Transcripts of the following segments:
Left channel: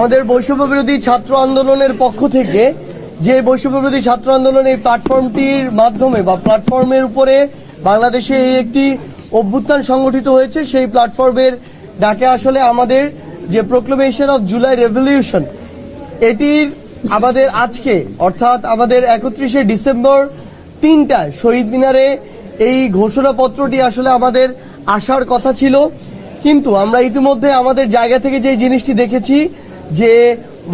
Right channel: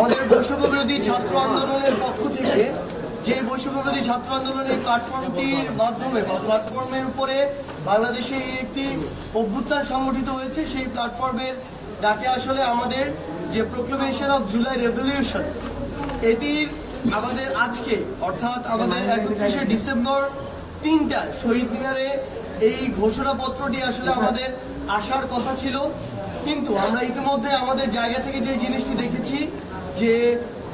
আমাদের বৈষম্য বিরোধী ছাত্র আন্দোলনের পক্ষ থেকে যে বৈষম্য বিরোধী ছাত্র আন্দোলন এই প্ল্যাটফর্মটির মাধ্যমে বা প্ল্যাটফর্মের উপরে বাংলাদেশে এই একটি অভ্যুত্থান সংগঠিত হয়েছে, সেই প্ল্যাটফর্মের ডাকে আসলে আমাদের যে প্রোক্লেমেশন অফ জুলাই রেভলিউশন এটির আমাদের আজকে, অর্থাৎ আমাদের একত্রিশে ডিসেম্বর তিনটায় শহীদ মিনারে এই ঘোষণাপত্রটি আসলে আমাদের আসার কথা ছিল। কিন্তু আমরা ইতিমধ্যে আমাদের জায়গা থেকে যে জিনিসটি দেখেছি যে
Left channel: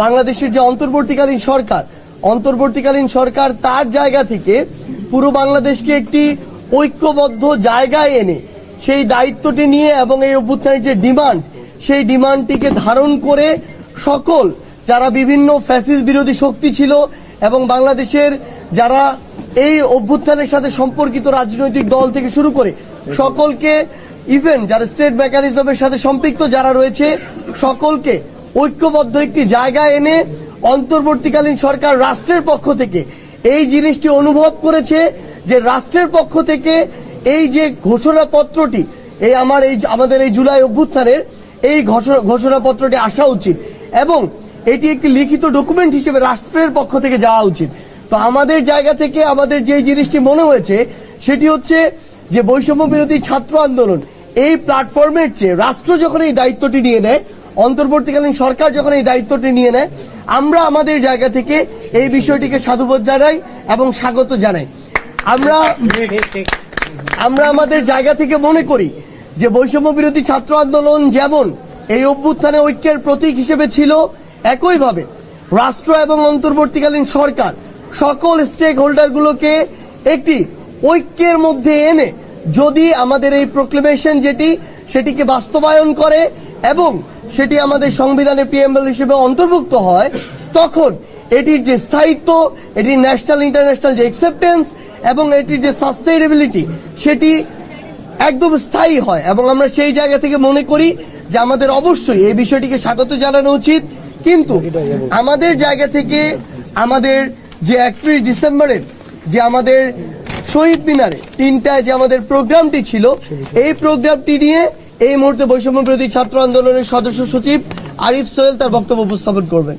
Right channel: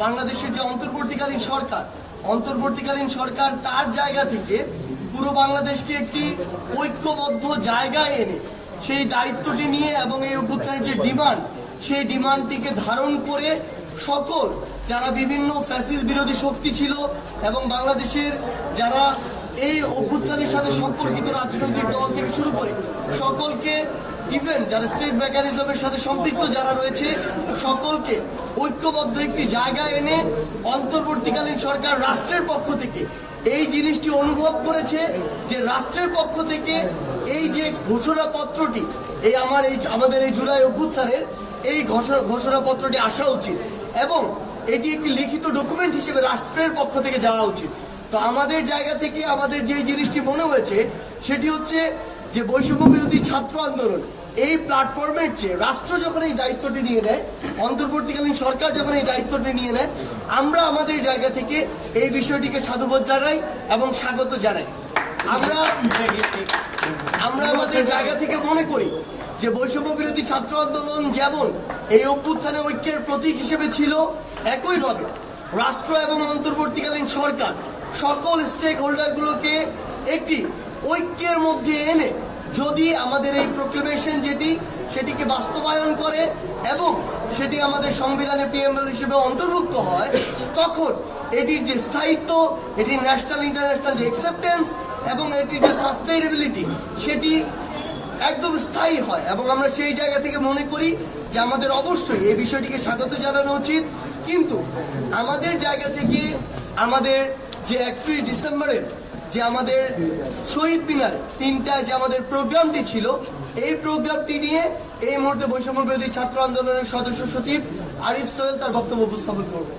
বাংলাদেশের যে অন্তর্বর্তীকালীন সরকার অন্তর্বর্তীকালীন সরকার তার জায়গা থেকে পুরো বাংলাদেশকে একটি ঐক্যবদ্ধ জায়গায় এনে সেই দায়িত্বটি নিয়ে এবং এই অভ্যুত্থানের যে ডিমান্ড, সেই ডিমান্ডটিকে ধারণ করে সকল যারা বিভিন্ন ফ্যাসিস বিরোধী শক্তি ছিল এবং বাংলাদেশের যারা এই অভ্যুত্থানের সাথে সম্পর্কিত রাজনৈতিক দল থেকে শুরু করে সকলকে ইভেন যারা স্টেট মেকানিজমের সাথে সম্পৃক্ত যারা রয়েছে, সকলকে ঐক্যবদ্ধ একটি জায়গায় এনে অন্তর্বর্তীকালীন সরকার রাষ্ট্রের পক্ষ থেকে এই জিনিসটি অনুভব করেছে যে রাষ্ট্রের পক্ষ থেকে এই যে ঘোষণাপত্রটি, এই আমার এই আমাদের এই জুলাই অভ্যুত্থানের এই ঘোষণা ঘোষণাপত্রটি আসা উচিত এবং এটি একটি লিখিত ডকুমেন্ট হিসেবে রাষ্ট্রের পক্ষ থেকে যাওয়া উচিত। তো আমাদের জায়গা থেকে আমাদের যে জিনিসটি মনে হয়েছে সেটি হচ্ছে যে বৈষম্য বিরোধী ছাত্র আন্দোলন এই প্ল্যাটফর্মের চেয়ে রাষ্ট্র যখন এই দায়িত্বটি নিয়ে নেয় অন্তর্বর্তীকালীন সরকার যখন এই দায়িত্বটি নিয়ে নেয়, আমরা আমাদের জায়গা থেকে এই বিষয়টিকে সাধুবোধ জানাই এবং স্বাগত জানাই। আমরা আমরা আমাদের জায়গা থেকে মনে করি যে বৈষম্য বিরোধী ছাত্র আন্দোলন যেমন এই অভ্যুত্থানে ঐক্যের প্রতীক হিসেবে ছিল, একইভাবে রাষ্ট্র এবং অন্তর্বর্তীকালীন সরকার সকল স্টেক হোল্ডারগুলোকে একটি ঐক্যের মধ্যে এনে যদি আমাদের এই প্রোক্লেমেশন যেটি, সেটিকে বাস্তবায়ন করে এবং সেটি আমাদের সংবিধানের প্রিএমএল হিসেবে অন্তর্ভুক্ত হয়, তখন এটির যে স্থায়িত্ব, এটির ন্যাশনাল ইন্টারন্যাশনাল যে অ্যাকসেপ্টেন্স এবং এটির যে সাস্টেইনেবিলিটি সেটি একদম স্থায়ী হয়। এবং আমরা সেই জায়গা থেকে মনে করি যে আমাদের অবশ্যই এই বিষয়টিকে স্বাগত জানানো উচিত। কিন্তু আমাদের জায়গা থেকে আমাদের যে একত্রিশ ডিসেম্বরের যে আমাদের শহীদ মিনারে তিনটায় যে আমাদের প্রোগ্রামটি ছিল, এই প্রোগ্রামটি নিয়ে এই মুহূর্তে বৈষম্য বিরোধী ছাত্র আন্দোলনের সদস্য সচিব আরিফ সোহেল তার বক্তব্য উপস্থাপন করবেন।